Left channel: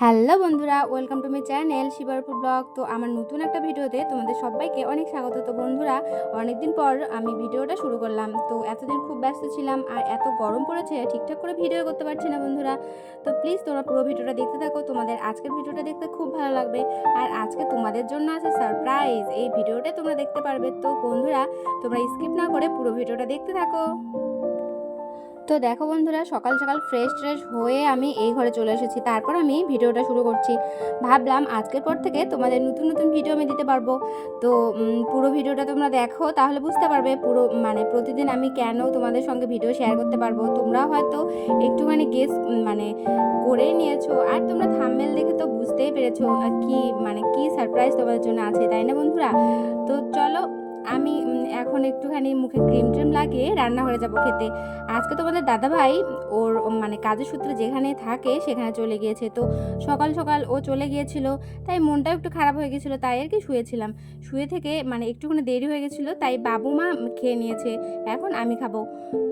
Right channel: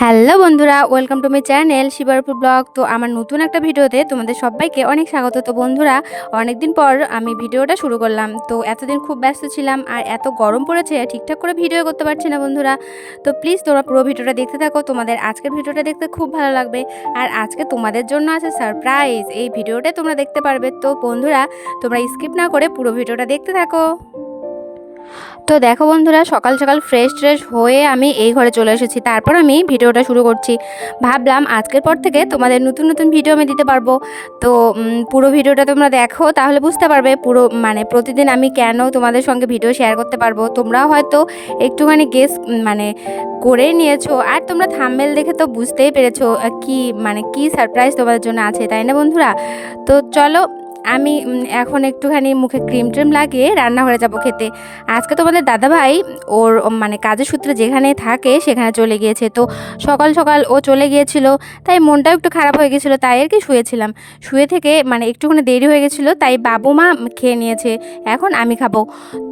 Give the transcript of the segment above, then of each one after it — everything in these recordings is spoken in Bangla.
হ্যালো বন্ধুরা, welcome to my channel Shibarpur blog. তো আমার নতুন একটা ভিডিওতে তোমাদের সবাইকে অনেক স্বাগত। তো বন্ধুরা, অনেকদিন পর আমি ভিডিওটা শুরু করলাম। তো এতদিন খুব ব্যস্ত ছিলাম আর এত গরম পড়েছে, ঠিকঠাক করে ভিডিও করতে পারছি না বন্ধুরা। তো প্লিজ তোমরা পুরো ভিডিওটা দেখতে থাকো, তোমাদের আজকের ভিডিওটা দেখতে খুব ভালো লাগবে। আর আজকে তোমাদের জন্য আছে সারপ্রাইজ এই ভিডিওটা তোমরা দেখতে পারবে। তো বন্ধুরা, তোমরা স্কিপ না করে পুরো ভিডিওটা দেখতে থাকো। তো দেখো বন্ধুরা, সকাল সকাল ফ্রেশ ট্রেশ হয়ে আমি এই ঘরে চলে এসেছি। তারপর আমি ভিডিওটা শুরু করছি। ভাবলাম আজকের পর থেকে তোমাদের নতুন নতুন ভিডিও আমি দিতে পারব। তো পুরো ভিডিওটা তোমরা দেখো, তাহলে বুঝতে পারবে পুরো মানে প্রতিদিন আমি কেন তোমাদের সঙ্গে ভিডিও শেয়ার করতে পারব। তোমরাও হয়তো একটুখানি গেস মানে করে নিয়েছো। আর তোমরা থাম্বেল দেখে তো বুঝতেই পেরেছ কি মানে কি সারপ্রাইজ তোমাদের জন্য আছে, তাই না বন্ধুরা? তো চলো আমি এখন একটুখানি মুখে ক্রিম ট্রিম লাগিয়ে রান্নাঘরে যাব খেতে। আজকে তোমাদের দাদাভাই ওর মানে কাজের সূত্রে যেখানে থাকে সেখানে চলে গিয়েছে। তো সকাল সকাল ও চলে গিয়েছিল, তাই মনটাও একটু খারাপ হয়ে গেছিল তাই আর কি শুয়েছিলাম। শুয়ে থেকে মানে একটুখানি দেরি হয়ে গেছিল তাই বাবু মা খেয়ে নিয়েছে, এখন আমি খাব।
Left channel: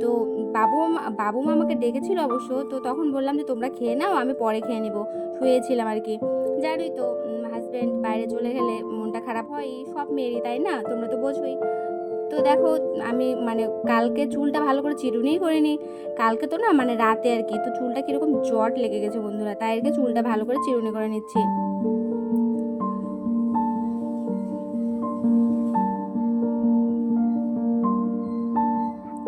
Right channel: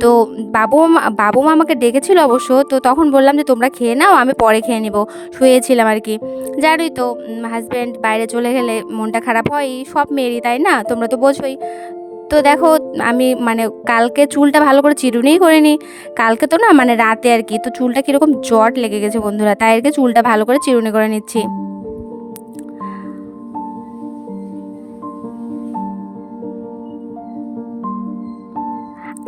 তো বাবু বাবু মা আমাকে ডেকেছিল অবশ্য, তো তখন বললাম যে তোমরা খেয়ে নাও, আমি পরে খেয়ে নিব। শুয়েছিলাম আর কি। জানোই তো হাজব্যান্ড বাইরে চলে গেলে মনটা খারাপ হয় সব মেয়েরই, তাই না? তোমরা তো বোঝোই তো দেখো, আমি মানে কালকে চুলটা ভালো করে চিরুনিই করিনি। কালকে তো না মানে রাতে আর কি, তো চুলটা কীরকম জট লেগে গেছে বন্ধুরা, তাই আর কি চুলটা ভালো করে চিরুনি করে নিচ্ছি।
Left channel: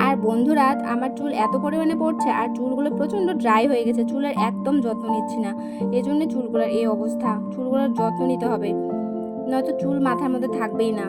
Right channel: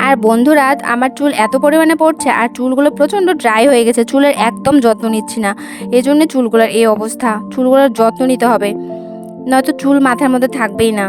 আর বন্ধুরা, আমার চুল এত পরিমাণে পড়ছে আর চুলগুলো প্রচণ্ড ড্রাই হয়ে গেছে, চুলের একদম যত্ন নিচ্ছি না। এই জন্য চুলগুলোর এই অবস্থা, চুলগুলোর যত্ন নিতে হবে। নয়তো চুল মাথার মধ্যে থাকবেই না।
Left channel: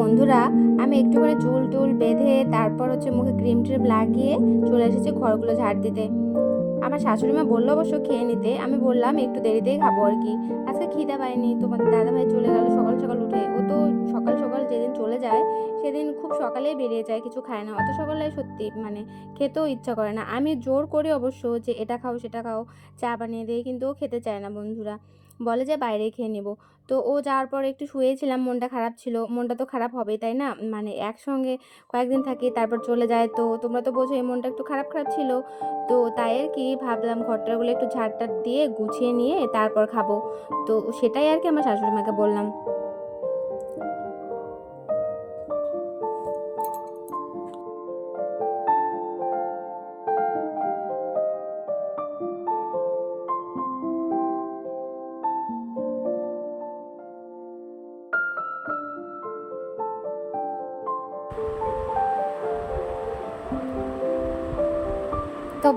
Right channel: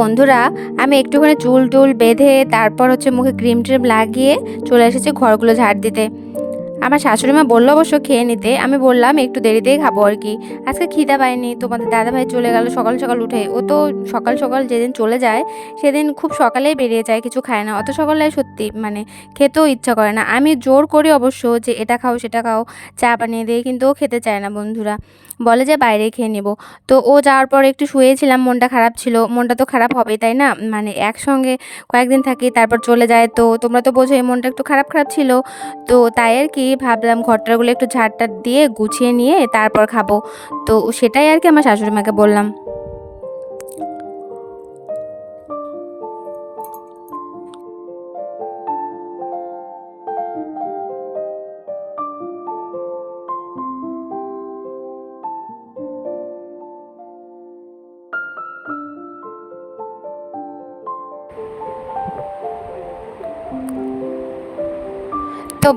বন্ধুরা, আমি একটুখানি চুল টুল বেঁধে তারপর হচ্ছে মুখে ক্রিম ট্রিম লাগিয়ে চলে এসেছি ঘরগুলো ঝাড় দিতে। আমার শাশুড়ি মা বলল অবশ্য খেয়ে নিতে, আমি বললাম একটু দেরিতেই খাব আর কি। আজকে খিদা পাইনি তোমাদের দাদাভাই চলে গেল সকাল সকাল উঠে। ও তো সকাল সকাল যেদিন চলে যায়, সেদিন খুব সকালেই বেরিয়ে যায়, কিছু খায় না। অত সকালে সত্যি মানে খেতেও ইচ্ছা করে না। আমি জোর করি অবশ্য যে এটা খাও, সেটা খাও, চা বানিয়ে দিই কিন্তু ও খেতে চায় না বন্ধুরা। বলে যে বাইরে খেয়ে নেব। তো ও যাওয়ার পর একটু শুয়েছিলাম, মনটা খারাপ ছিল। মনটা তো খারাপ হবে তাই না? মানে একসঙ্গে কয়েকদিন থাকি, তারপর চলে যায়। তো তোমরা তো বোঝো এই মনটা একটু খারাপ খারাপ ছিল। তো তাই আর কি ভাবলাম, ঘরটাগুলো একটু ঝাড়টা দিয়ে গুছিয়ে নিয়ে তারপর খাব। তো সেটাই আর কি আমার শাশুড়ি মাকে বললাম।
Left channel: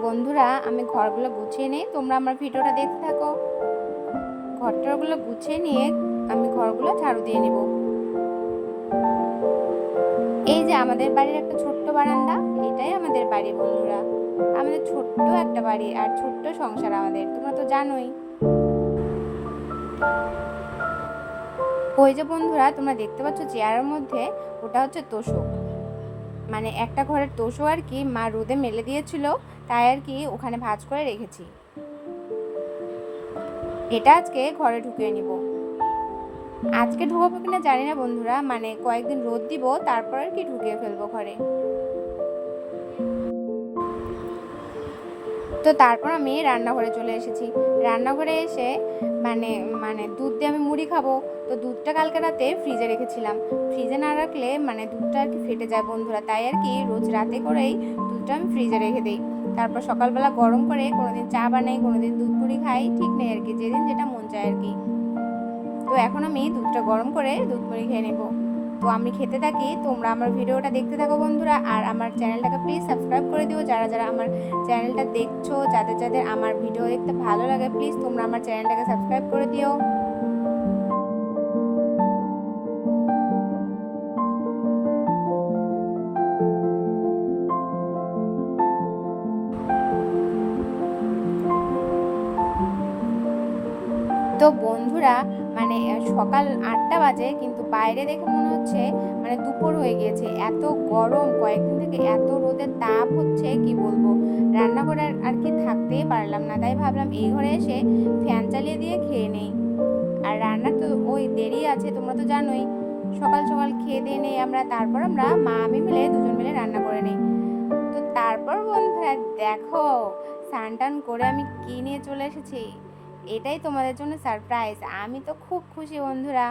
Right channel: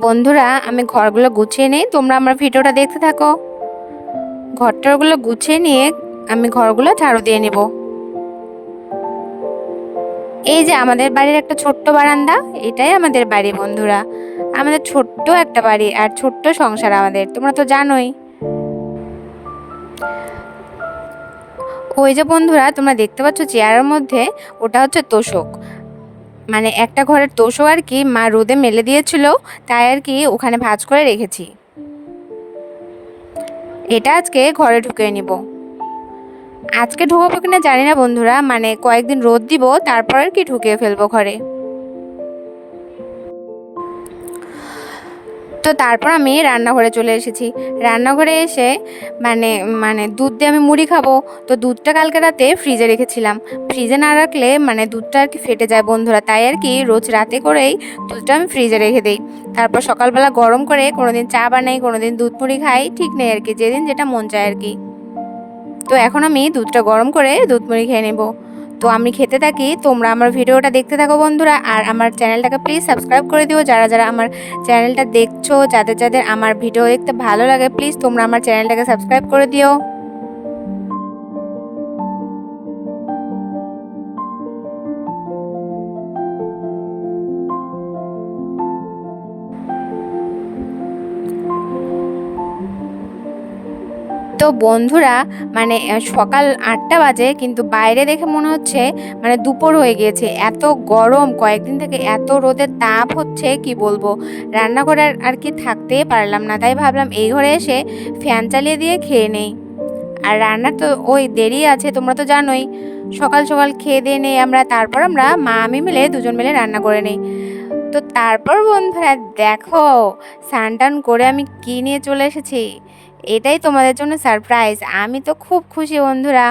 বন্ধুরা, আমি ঘরগুলো গুছিয়ে নিই। তোমরা আমার ভিডিওটা দেখতে থাকো। ঘরটারগুলো গুছিয়ে নিয়ে আমি ঘরগুলো ঝাড়ু দিয়ে নেব। এই যে আমাদের বাড়ির একটা ছোট্ট বারান্দা, এটাই আমাদের বাড়ি বন্ধুরা। আমাদের ছোট্ট একটা বাড়ি আর ছোট্ট সংসার আমাদের, তোমরা তো জানোই। ওই যে বন্ধুরা, তোমরা দেখতে পাচ্ছ চেয়ারের মধ্যে, ওটা হচ্ছে তোষক। মানে একটা ঘরের তোষও আর কি মা রোদে মেলে দিয়েছিল, তাই আর কি ওখানে ভাজ করে রেখেছি। এটা আজকে ঘরে ঢুকিয়ে নিব। আজকে ঢুকাবো কিনা জানি না বন্ধুরা মানে কয়েকদিন রোদ দিব, তারপর আর কি ঢুকিয়ে ফেলব ঘরে। তো তারপর আমি রান্নাঘরে চলে এসেছি। রান্নাঘরে এসে মানে মানে দুধ দিয়ে আমি মুড়ি খাব। তো দুধটা কালকে রাতে ফ্রিজে রেখেছিলাম। ফ্রিজে না রাখলে মানে দুধটা আর কি ফেটে যায় বন্ধুরা। তাই আর কি রোজ রাতে করেই দুধটা আমি ফ্রিজে রেখে দিই। তারপর সকালবেলা গরম করে কোনোদিন চা বানাই, কোনোদিন দুধ মুড়ি খাই, ঠিক নেই আর কি। যেদিন যেটা মন চায় আর কি। তো এখন আমি দুধটা গরম করে দুধ মুড়ি খেয়ে নেব। তো আমি খেতে থাকি, তোমরা আমার ভিডিওটা দেখতে থাকো বন্ধুরা, আর আমার চ্যানেলটাকে প্লিজ সাবস্ক্রাইব করে দিও। যারা যারা আমার চ্যানেলটা দেখছ, যাদের যাদের আমার ভিডিও দেখতে ভালো লাগে প্লিজ তোমরা আমার চ্যানেলটাকে সাবস্ক্রাইব করে দিও। তো বন্ধুরা মানে সকাল আটটা বাজে, কিন্তু বাইরে দেখে মনে হচ্ছে মানে দুপুর হয়ে গিয়েছে। এত গরম, কয়েকদিন থেকে এত রোদের তাপ হচ্ছে, কি বলব? রান্নাঘরে আর- আর কি থাকতেই পারলাম না, তাই ভাবলাম এই ঘরে এসে ফ্যান চালিয়ে দিয়ে খেয়ে নেই। আর রান্নার তো ওই দেরি আছে, তোমরা তো জানোই। সকাল সকাল খেয়ে দিয়ে নেই আমরা, তারপর আমরা মা, আমি মিলে দুজন মিলে রান্না করে নেই। তো তারপর বন্ধুরা, দেখো স্নান টান করে আমি কি নিয়ে চলে এসেছি? এটাই তোমাদের জন্য সারপ্রাইজ আমি তো খুব খুশি বন্ধুরা।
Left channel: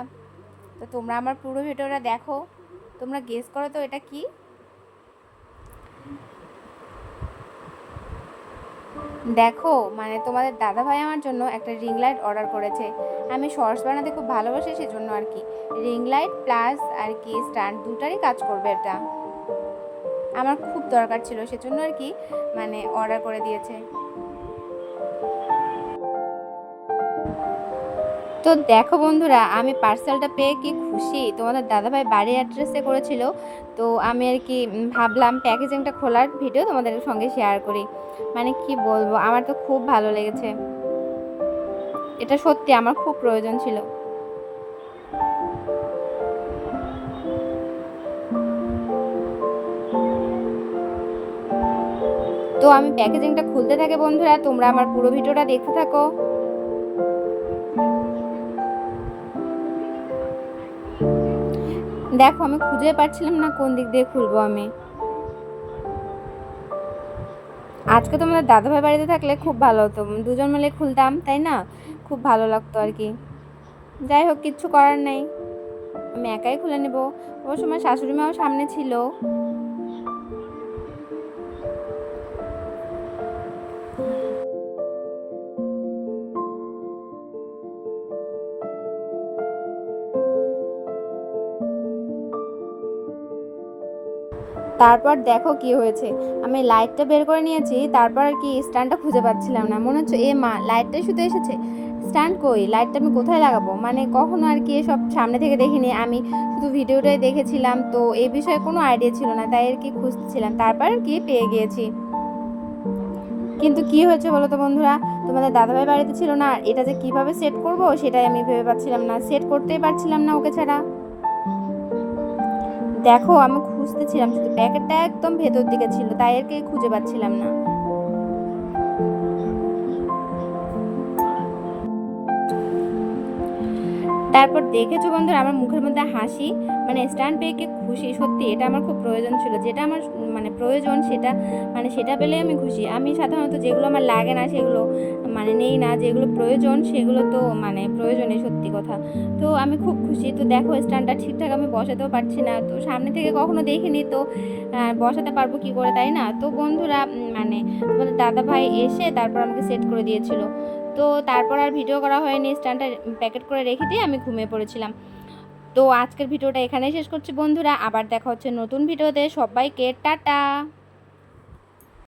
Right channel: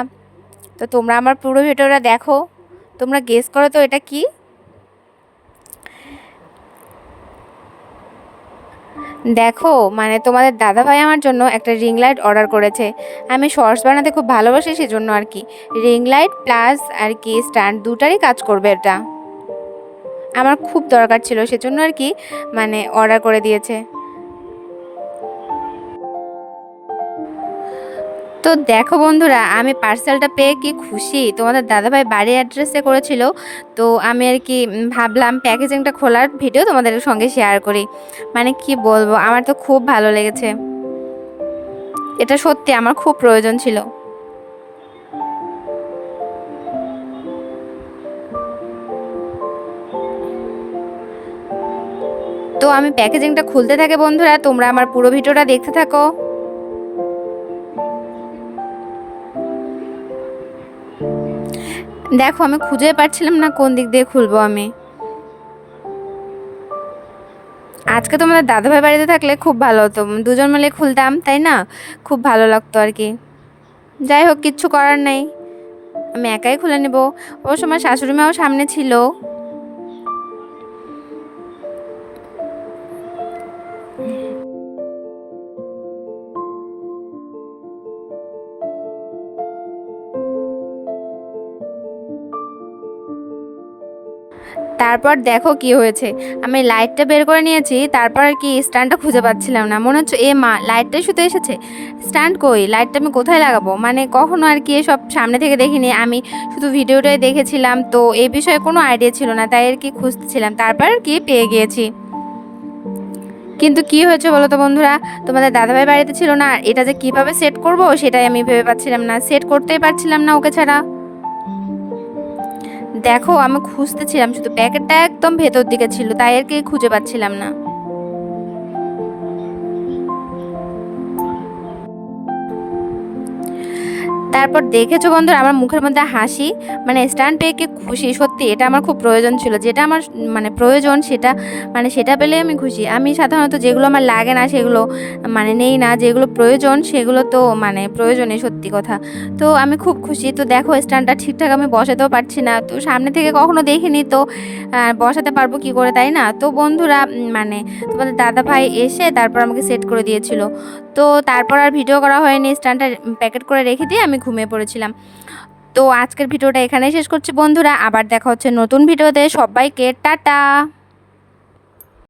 তো তোমরা আমার পুরো ভিডিওটা দেখো। তোমরা গেস করো তো এটা কি? দেখো মানে তোমাদের দাদাভাই আমার জন্য একটা রিং লাইট অর্ডার করেছে। আমি শর্টস বানাতে খুব ভালোবাসি সেজন্য আর কি। রিং লাইট প্লাস আর কি স্ট্যান্ড দুটারই কাজ করবে এটা। আমার খুব দরকার ছিল সেজন্য আর কি মানে অর্ডার করে দিয়েছে। তো দেখো বন্ধুরা, আমি পার্সেলটা পেয়ে কি খুশি? তোমাদের দাদাভাই বাড়ির অ্যাড্রেসে করেছিল। তো আমি আর কি ভাবলাম প্যাকেজিংটা খোলার ভিডিও তোমাদের সঙ্গে শেয়ার করি। মানে কি বলব, আমার তো খুব ভালো লেগেছে। এটা সত্যি আমার খুব প্রয়োজন ছিল। তো আমি প্যাকেজিংটা খুলতে থাকে বন্ধুরা, তোমরা আমার পুরো ভিডিওটা দেখতে থাকো। দেখো, আমি খুঁজে পাচ্ছিলাম না কোন দিক দিয়ে খুলবো আমি। আজকে তোমাদের দাদাভাই বাড়িতে থাকলে খুব ভালো হতো। দুজন মিলে খুলতাম, তাই না? খুব ভালো লাগতো আর কি। যাই হোক, কিচ্ছু করার নেই। আমি একাই খুলে নেব। ওর সময় শাশুড়ি মাও সামনে ছিল। তারপর দেখো কি হয়েছে। আমি লাইটটা বের করে নিয়েছি, তারপর আর কি স্ট্যান্ডটা খুঁজে পাচ্ছিলাম না। মনে হচ্ছে, এ মা, লাইটটাই শুধু এসেছে। স্ট্যান্ড কই? লাইটটা আমি কোথায় লাগাবো? মানে কখনো আর কি এসব সামনে থেকে দেখিনি। আমি শুধু ভিডিওটাই দেখেছিলাম, তো এ বিষয়ে কোনো আইডিয়া ছিল না, তাই আর কি খুঁজতেছিলাম তারপর আর কি পেয়ে গিয়েছি। কিন্তু কি হয়েছে বলো তো বন্ধুরা? তোমাদের দাদাভাই বাড়িতে ছিল না, আর এটা যে কীভাবে সেট করব সেটাই আমি ভেবে পাচ্ছিলাম না। সেট করতেই পারছিলাম না ওকে ছাড়া। দেখো, আমি খুঁজতেছিলাম, শুধু প্যাকেটটা একদম ভেতর দিকে ছিল, তাই আর কি খুঁজে পাচ্ছিলাম না। তারপর দেখেছ বন্ধুরা আমার মুখের মধ্যে হাসি? মানে স্ট্যান্ড পেয়ে খুশি? সত্যি, এটা আমার খুব প্রয়োজন ছিল। যেটা আমার মানে প্রয়োজন সেটা মানে সেটা পেলে আমি খুশি। আমি সাধারণত যেগুলো আমার লাগে না সেগুলো মানে নেই না, যেগুলো প্রয়োজন সেগুলো তো মানে প্রয়োজনে সত্যি কথা। তো আমি খুব খুশি। তো দেখো স্ট্যান্ডটা ঠিকঠাক আমি বসাতেও পারছি না। তো সামনে থেকে কখনো দেখিনি তো বসাতে পারব কি করে, তাই না? তো বন্ধুরা মানে তোমাদের দাদা ভাই এসে তারপর আমাকে সেট করে দিয়েছিল। তো তারপর আর ভিডিও করা হয়নি। স্ট্যান্ডটা প্যাকেট করে রেখে দিয়ে আমি ঘুমিয়ে পড়েছিলাম। তো আজকের ভিডিওটা এখানেই শেষ করছি বন্ধুরা। আবার দেখা হচ্ছে নতুন ভিডিওতে। সবাইকে টাটা।